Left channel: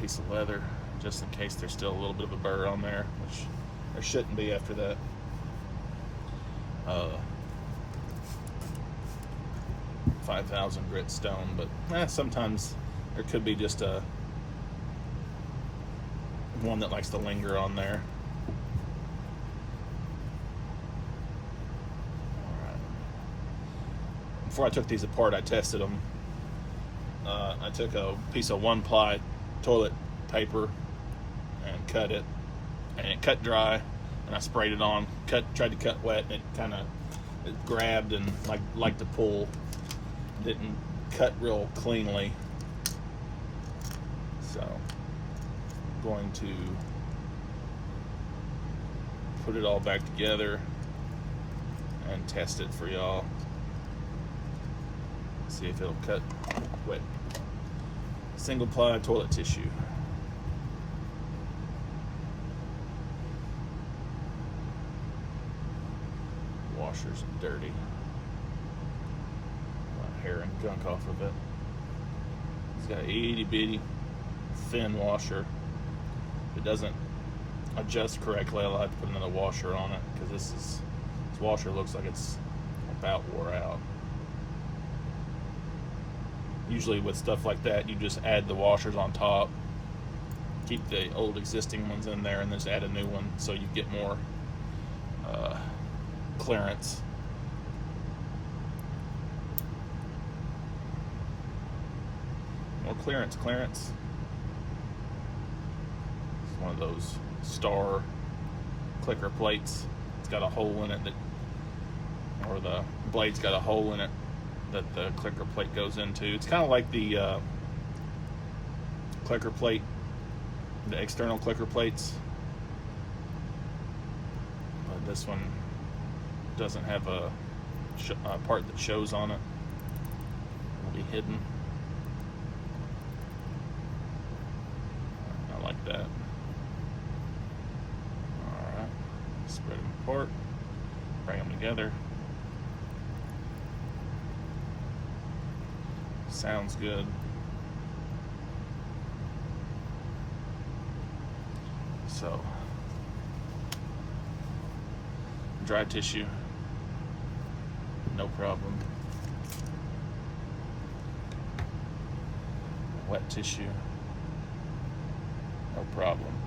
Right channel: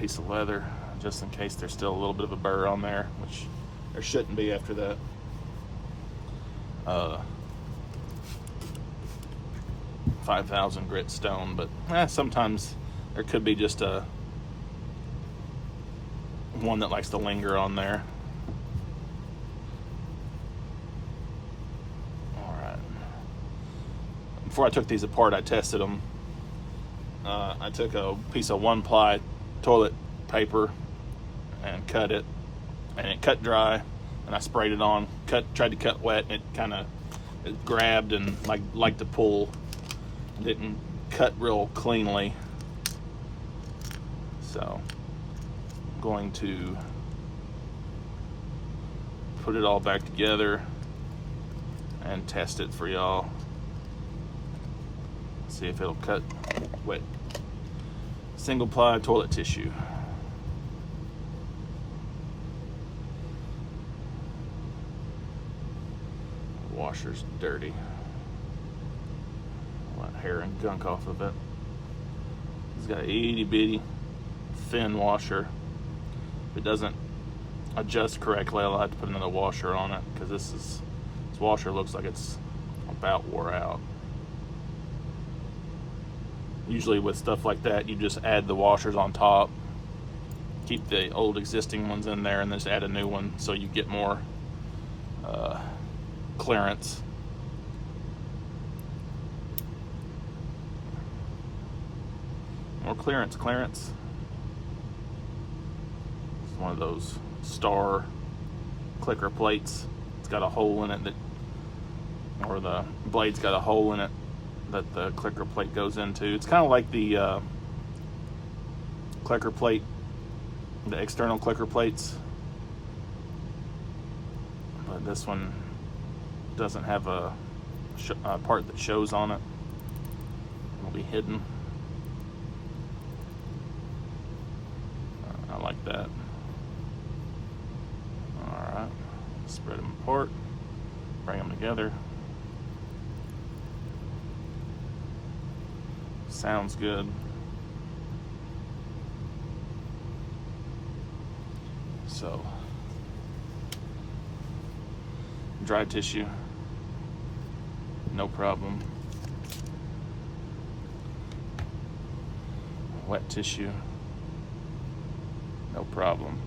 piece of leather just in case there's still a little bit of a burr on there, which there shouldn't be after that. 5,000 grit stone, but sometimes there could be just a one that likes to linger on there. All right. Before I took these apart, I tested them. I took a piece of 1-ply toilet paper and cut it, and it cut dry, and I sprayed it on. Tried to cut wet, and it grabbed and like to pull. Didn't cut real cleanly, so I'm going to put it all back together and test it for y'all. See if it'll cut wet. Single ply toilet tissue. Washer's dirty. Hair and gunk off of it. It's got an itty bitty thin washer. If it doesn't adjust correctly, I'll have to put another washer on it, because this washer looks like it's about wore out. Usually with stuff like that, you just add the washers on top, keep the old existing ones in there, and then just add a new one so you get more clearance. More clearance. It's one of those star clicker plates. It's got a hole in it or the blade's got a hole in it that the clicker plate goes into. It's kind of like the clicker plate, the external clicker plates. But this one doesn't have a part that shows on it. It'll be hidden. Like that. Alright, spread them apart, bring them together. Sounds good. So, dry tissue, no problem. Wet tissue, no problem.